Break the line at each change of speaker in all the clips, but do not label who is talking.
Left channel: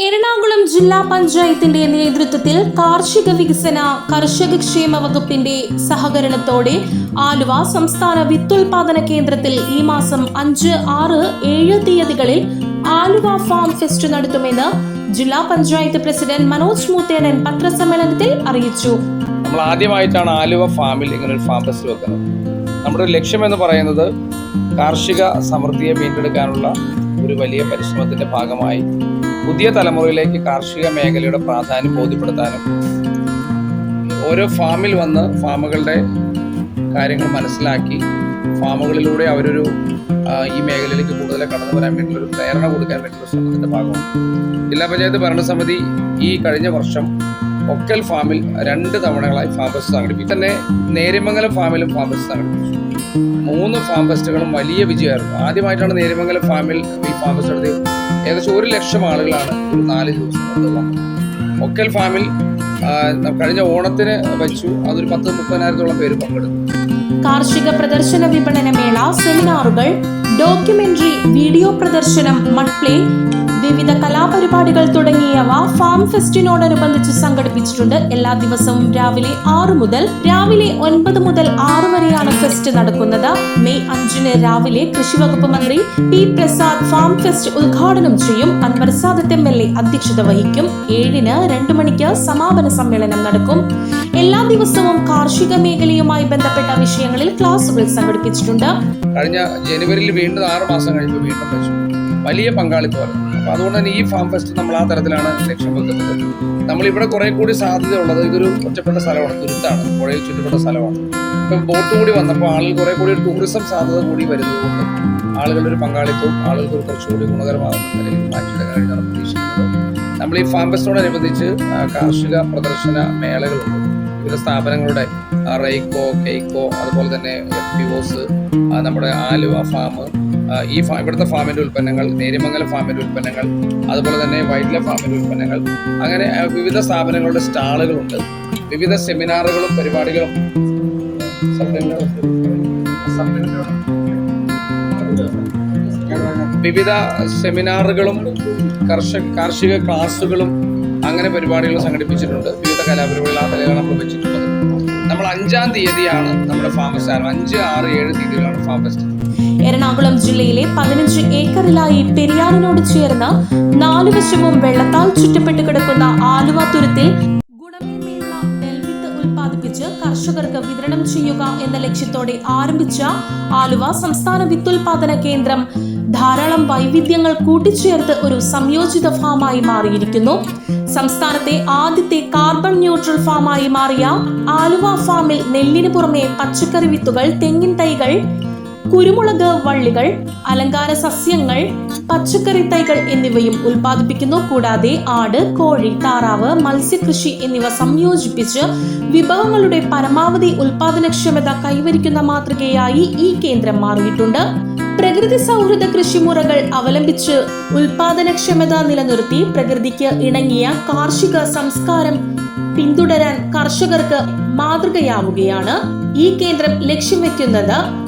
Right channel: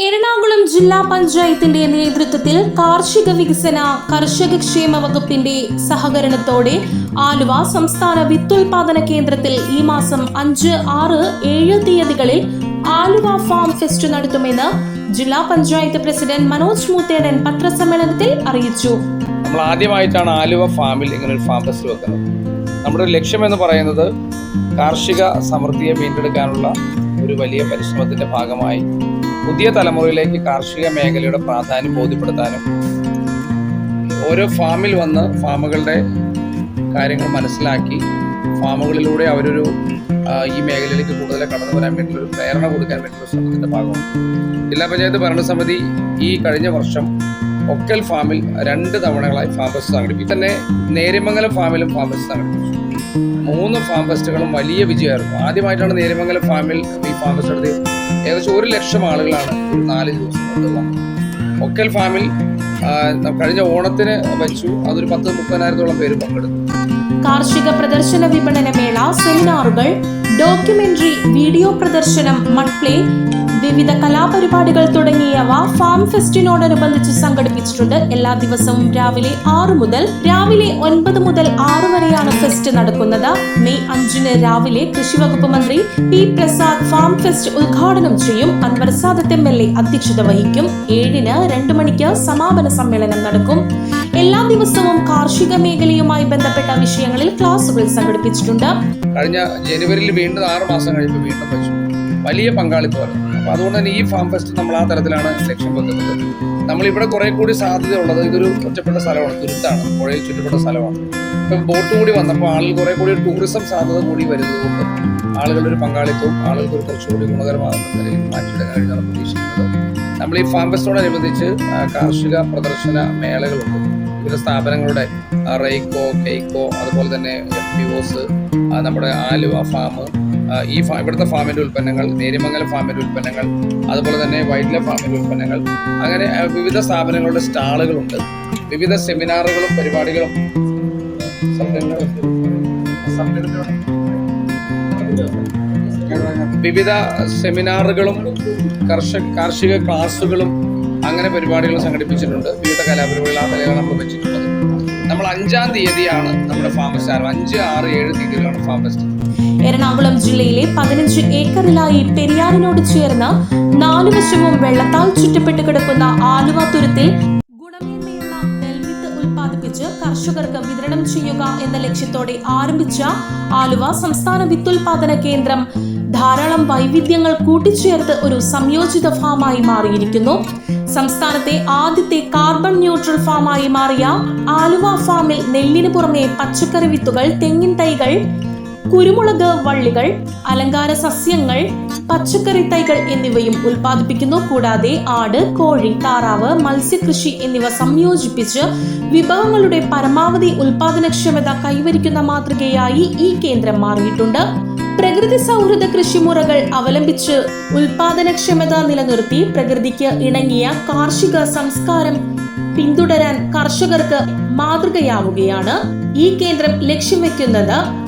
എറണാകുളം ജില്ലാ പഞ്ചായത്തിന്റെ നേതൃത്വത്തിൽ കാർഷിക വികസന കർഷക ക്ഷേമ വകുപ്പിന്റെ സഹകരണത്തോടെ ആലുവ സംസ്ഥാന വിത്തുൽപാദന കേന്ദ്രത്തിൽ ഈ മാസം അഞ്ച് ആറ് ഏഴ് തീയതികളിൽ ആലുവ ഫാം ഫെസ്റ്റ് നടത്തുമെന്ന് ജില്ലാ പഞ്ചായത്ത് പ്രസിഡന്റ് മനോജ് മൂത്തേടൻ പത്രസമ്മേളനത്തിൽ അറിയിച്ചു.
നമ്മൾ ആദ്യമായിട്ടാണ് ആലുവ ഫാമിൽ ഇങ്ങനെ ഒരു ഫാം ഫെസ്റ്റ് വെക്കുന്നത്. നമ്മുടെ ഒരു ലക്ഷ്യമെന്ന് പറയുന്നത് കാർഷിക സമൃദ്ധിയെ വീണ്ടെടുക്കാനുള്ള ഒരു വലിയ പരിശ്രമത്തിന്റെ ഭാഗമായി പുതിയ തലമുറയിലേക്ക് കാർഷിക മേഖലയുടെ പ്രാധാന്യം ബോധ്യപ്പെടുത്താനും ഓരോ ഫാമിൽ വന്ന് ഫാമുകളുടെ കാര്യങ്ങൾ മനസ്സിലാക്കി ഫാമുകളിലൂടെ അവരൊരു ഈ മേഖലയിലേക്ക് കൂടുതൽ കടന്നു വരാൻ വേണ്ടിയുള്ള ഒരു പ്രേരണ കൊടുക്കാൻ വേണ്ടിയുള്ള ശ്രമത്തിന്റെ ഭാഗമാണ്. ജില്ലാ പഞ്ചായത്ത് ഭരണസമിതി ഈ കഴിഞ്ഞ വർഷം ഒക്കൽ ഫാമിൽ രണ്ട് തവണകളായി ഫാം ഫെസ്റ്റ് സംഘടിപ്പിച്ചു. തന്നെ നേര്യമംഗലം ഫാമിലും ഫാം ഫെസ്റ്റ് സംഘടിപ്പിച്ചു. മൂന്ന് ഫാം ഫെസ്റ്റുകളും വലിയ വിജയമായിരുന്നു. ആദ്യമായിട്ടാണ് നേര്യമംഗലം ഫാമിൽ ഈ ഫാം ഫെസ്റ്റ് നടത്തി ഏകദേശം ഒരു ലക്ഷം ആളുകളാണ് ഒരു നാല് ദിവസം കൊണ്ട് വന്നത്. ഒക്കൽ ഫാമിൽ കഴിഞ്ഞ ഓണത്തിന് വെച്ചു. അതൊരു പത്ത് മുപ്പതിനായിരത്തോളം പേര് പങ്കെടുത്തു.
കാർഷിക പ്രദർശന വിപണന മേള സെമിനാറുകൾ ഡോക്യുമെന്ററി വീഡിയോ പ്രദർശനം മഡ്പ്ലേ വിവിധ കലാപരിപാടികൾ തുടങ്ങിയവ ഫാം ഫെസ്റ്റിനോടനുബന്ധിച്ച് സംഘടിപ്പിച്ചിട്ടുണ്ട്. എല്ലാ ദിവസവും രാവിലെ ആറ് മുതൽ രാവിലെ ഒൻപത് മുതൽ ആറ് വരെയാണ് ഫെസ്റ്റ് നടക്കുന്നത്. മെയ് അഞ്ചിന് രാവിലെ കൃഷി വകുപ്പ് മന്ത്രി പി പ്രസാദ് ഫാം ഫെസ്റ്റ് ഉദ്ഘാടനം ചെയ്യും. Anwar Sadath M L A അധ്യക്ഷത വഹിക്കും. ഏഴിന് രണ്ടു മണിക്ക് സമാപന സമ്മേളനം നടക്കും. എല്ലാ ദിവസവും കാർഷിക മേഖലയുമായി ബന്ധപ്പെട്ട വിഷയങ്ങളിൽ ക്ലാസുകൾ സംഘടിപ്പിച്ചിട്ടുണ്ട്.
കഴിഞ്ഞ ജനുവരിയിൽ വീണ്ടും ആറ് മാസം കഴിയുമ്പോൾ വീണ്ടും വെച്ചു. വലിയ പങ്കാളിത്തമാണ് അപ്പോൾ അതുകൊണ്ട് തന്നെ ഈ ഫാം ഫെസ്റ്റ് നമ്മൾ ആ തരത്തിലാണ് ലക്ഷ്യം വെക്കുന്നത്. നമ്മളിവിടെ കുറേ കൂടി സാധ്യതയുള്ളത് ഇതൊരു ഒറ്റപ്പെട്ട സ്ഥലമാണ്. തുരുത്താണ്. പുഴയിൽ ചുറ്റപ്പെട്ട സ്ഥലമാണ്. ഇപ്പം ബോട്ട് കൂടി വന്നപ്പോൾ ആളുകൾ കുറേ കൂടി ടൂറിസം സാധ്യത കൂടി വരുന്നതുകൊണ്ട് ആളുകളുടെ ഒരു പങ്കാളിത്തവും ആളുകൾക്ക് ഒരു കുറച്ചുകൂടി ഗുണകരമാകുന്ന നിലയിലേക്ക് മാറ്റിയെടുക്കാൻ കഴിഞ്ഞാണ് പ്രതീക്ഷിക്കുന്നത്. നമ്മൾ ഈ ഫാം ഫെസ്റ്റോടനുബന്ധിച്ച് കാർഷിക പ്രദർശന മേളകളുണ്ട്. വിവിധ സ്ഥാപനങ്ങളുടെ റൈക്കോ, കെയ്ക്കോ അതുപോലെ തന്നെ എഫ് പി ഒസ് നമ്മുടെ ആലുവ ഫാം ഈ ഇവിടുത്തെ ഫാമിന്റെ ഉൽപ്പന്നങ്ങൾ നേര്യമംഗലം ഫാമിന്റെ ഉൽപ്പന്നങ്ങൾ അതുപോലെ തന്നെ വൈറ്റ്ല ഫാമിന്റെ ഉൽപ്പന്നങ്ങൾ അങ്ങനെ വിവിധ സ്ഥാപനങ്ങളുടെ സ്റ്റാളുകളുണ്ട്. വിവിധ സെമിനാറുകളും പരിപാടികളും. വിവിധ സെമിനാറുകളും കർഷക കാർഷിക ക്ലാസ്സുകളും അങ്ങനെ പരിപാടികൾ സംഘടിപ്പിച്ചിട്ടുണ്ട്. വിവിധ കലാപരിപാടികൾ ആ നമ്മൾ വെച്ചിട്ടുള്ളത്. നമ്മൾ അഞ്ചാം തീയതിയാണ് നമ്മുടെ ഫാം ഫെസ്റ്റ് ആരംഭം അഞ്ച് ആറ് ഏഴ് തീയതികളാണ് ഫാം ഫെസ്റ്റ്.
എറണാകുളം ജില്ലയിലെ പതിനഞ്ച് ഏക്കറിലായി പെരിയാറിനോട് ചേർന്ന് നാലു വശവും വെള്ളത്താൽ ചുറ്റപ്പെട്ട് കിടക്കുന്ന ആലുവ തുരുത്തിൽ ഗുണമേന്മയുള്ള നെൽവിത്ത് ഉൽപ്പാദിപ്പിച്ച് കർഷകർക്ക് വിതരണം ചെയ്യുക എന്ന ലക്ഷ്യത്തോടെ ആരംഭിച്ച ആലുവ സംസ്ഥാന വിത്തുൽപാദന കേന്ദ്രം ധാരാളം വൈവിധ്യങ്ങൾ കൂട്ടിച്ചേർത്ത് ഒരു സംയോജിത ഫാമായി മാറിയിരിക്കുന്നു. സംസ്ഥാനത്തെ ആദ്യത്തെ കാർബൺ ന്യൂട്രൽ ഫാമായി മാറിയ ആലുവ ഫാമിൽ നെല്ലിന് പുറമെ പച്ചക്കറി വിത്തുകൾ തെങ്ങിൻ തൈകൾ കുരുമുളക് വള്ളികൾ അലങ്കാര സസ്യങ്ങൾ പച്ചക്കറി തൈകൾ എന്നിവയും ഉൽപ്പാദിപ്പിക്കുന്നു. കൂടാതെ ആട് കോഴി താറാവ് മത്സ്യകൃഷി എന്നിവ സംയോജിപ്പിച്ച് വിഭവങ്ങളുടെ പരമാവധി ഉൽപാദനക്ഷമത കൈവരിക്കുന്ന മാതൃകയായി ഈ കേന്ദ്രം മാറിയിട്ടുണ്ട്. പ്രകൃതി സൗഹൃദ കൃഷിമുറകൾ അവലംബിച്ച് ഉൽപാദനക്ഷമത നിലനിർത്തി പ്രകൃതിക്ക് ഇണങ്ങിയ കാർഷിക സംസ്കാരം പിന്തുടരാൻ കർഷകർക്ക് മാതൃകയാവുകയാണ്. ഈ കേന്ദ്രം ലക്ഷ്യം വെക്കുന്നത്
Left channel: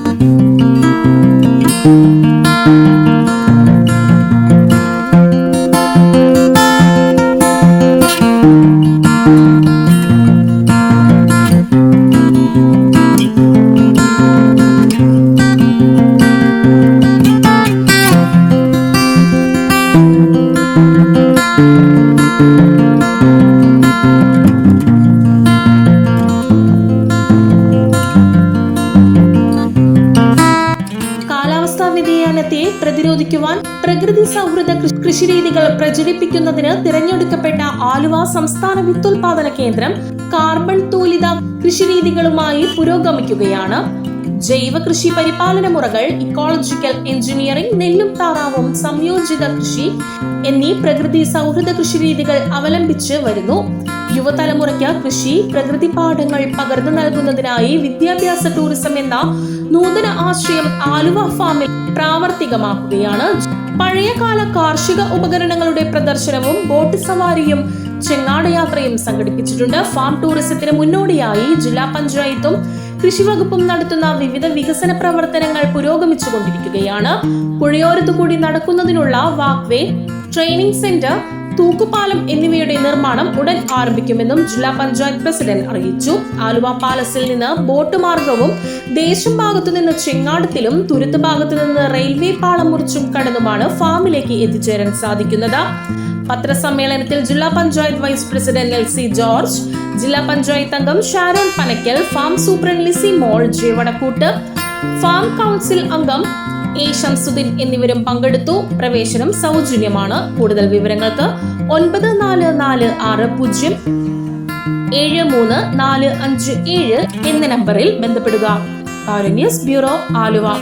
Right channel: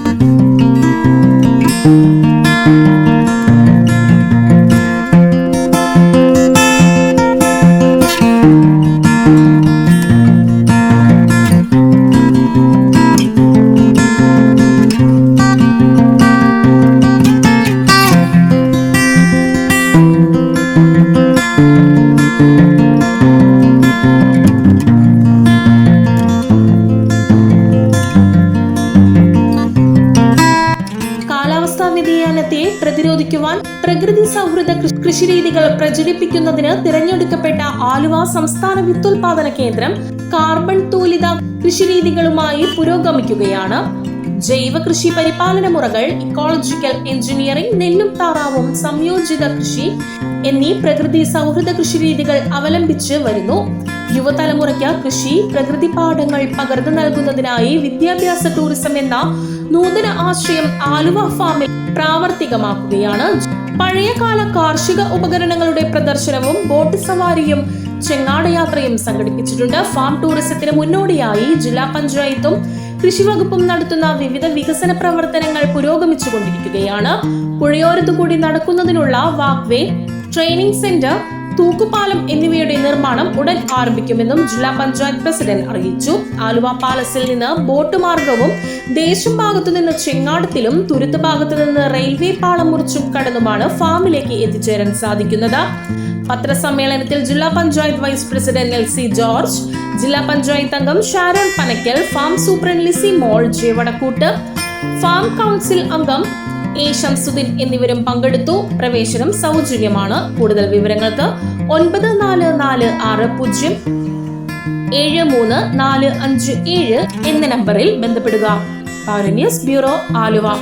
കാലാവസ്ഥാ വ്യതിയാനത്തെ പ്രതിരോധിക്കുവാൻ പ്രകൃതി സൗഹൃദ കൃഷിരീതികൾ പ്രചരിപ്പിക്കുന്നതിന് തിരഞ്ഞെടുക്കപ്പെട്ട ആലുവ സംസ്ഥാന വിത്തുൽപാദന കേന്ദ്രം കാർബൺ തൂലിത കൃഷിരീതികളുമായി പുരോഗമിക്കുകയാണ്. ജൈവ കൃഷി പരിപാലന മുറകൾ ഇക്കോളജിക്കൽ എഞ്ചിനീയറിംഗ് നെല്ലും താറാവും സംയോജിത കൃഷി എന്നീ പ്രകൃതി സൗഹൃദ കൃഷിരീതികൾ അവലംബിച്ച് വരുന്നു. യുവതലമുറയ്ക്ക് കൃഷി പ്രകൃതി പാഠങ്ങൾ പകർന്നു നൽകുന്നതിനായി വിദ്യാഭ്യാസ ടൂറിസം എന്ന നൂതന ആശ്രയം ആലുവ ഫാമിൽ പ്രാവർത്തികമാക്കുകയാണ്. പഴയകാല കാർഷിക ഉപകരണങ്ങളുടെ പ്രദർശനവും ബോട്ട് സവാരിയും ചെങ്ങാടയാത്രയും സംഘടിപ്പിച്ചിട്ടുണ്ട്. ഫാം ടൂറിസത്തിന് മുന്നോടിയായി ജില്ലാ പഞ്ചായത്തും കൃഷിവകുപ്പും നടത്തുന്ന വിവിധ വികസന പ്രവർത്തനങ്ങൾ പുരോഗമിച്ചുകൊണ്ടിരിക്കുകയാണ്. പുഴയോരത്തു കൂടി നടക്കുന്നതിനുള്ള വാക്വേ ട്രെയിനിങ് സെന്റർ തൂക്കുപാലം എന്നിവയുടെ നിർമ്മാണം ഉടൻ ആരംഭിക്കുമെന്നും ജില്ലാ പഞ്ചായത്ത് പ്രസിഡന്റ് അറിയിച്ചു. ആലുവ പാലസിൽ നിന്ന് ബോട്ട് മാർഗവും ദേശം ഭാഗത്തുനിന്ന് ചെങ്ങാടത്തിലും തുരുത്ത് ഭാഗത്തു നിന്ന് റെയിൽവേ പാളം മുറിച്ചും കടന്നുമാണ് ഫാമിലേക്ക് എത്തിച്ചേരാൻ സാധിക്കുന്നത്. പത്രസമ്മേളനത്തിൽ ജില്ലാ panchayat vice president L C George ജില്ലാ പഞ്ചായത്ത് അംഗം Sharon Panakkal farm superintendent Lissy Mol J Vadakkoot farm council അംഗം എ ഷംസുദ്ദീൻ എന്നിവരും പങ്കെടുത്തു. പ്രവേശനം സൗജന്യമാണ്. കൂടുതൽ വിവരങ്ങൾക്ക് ഒൻപത് നാല് നാല് ആറ് പൂജ്യം ഏഴ് മൂന്ന് നാല് അഞ്ച് ഏഴ് എന്ന നമ്പറിൽ ബന്ധപ്പെടുക. പൗര ന്യൂസ് ബ്യൂറോ ആലുവ.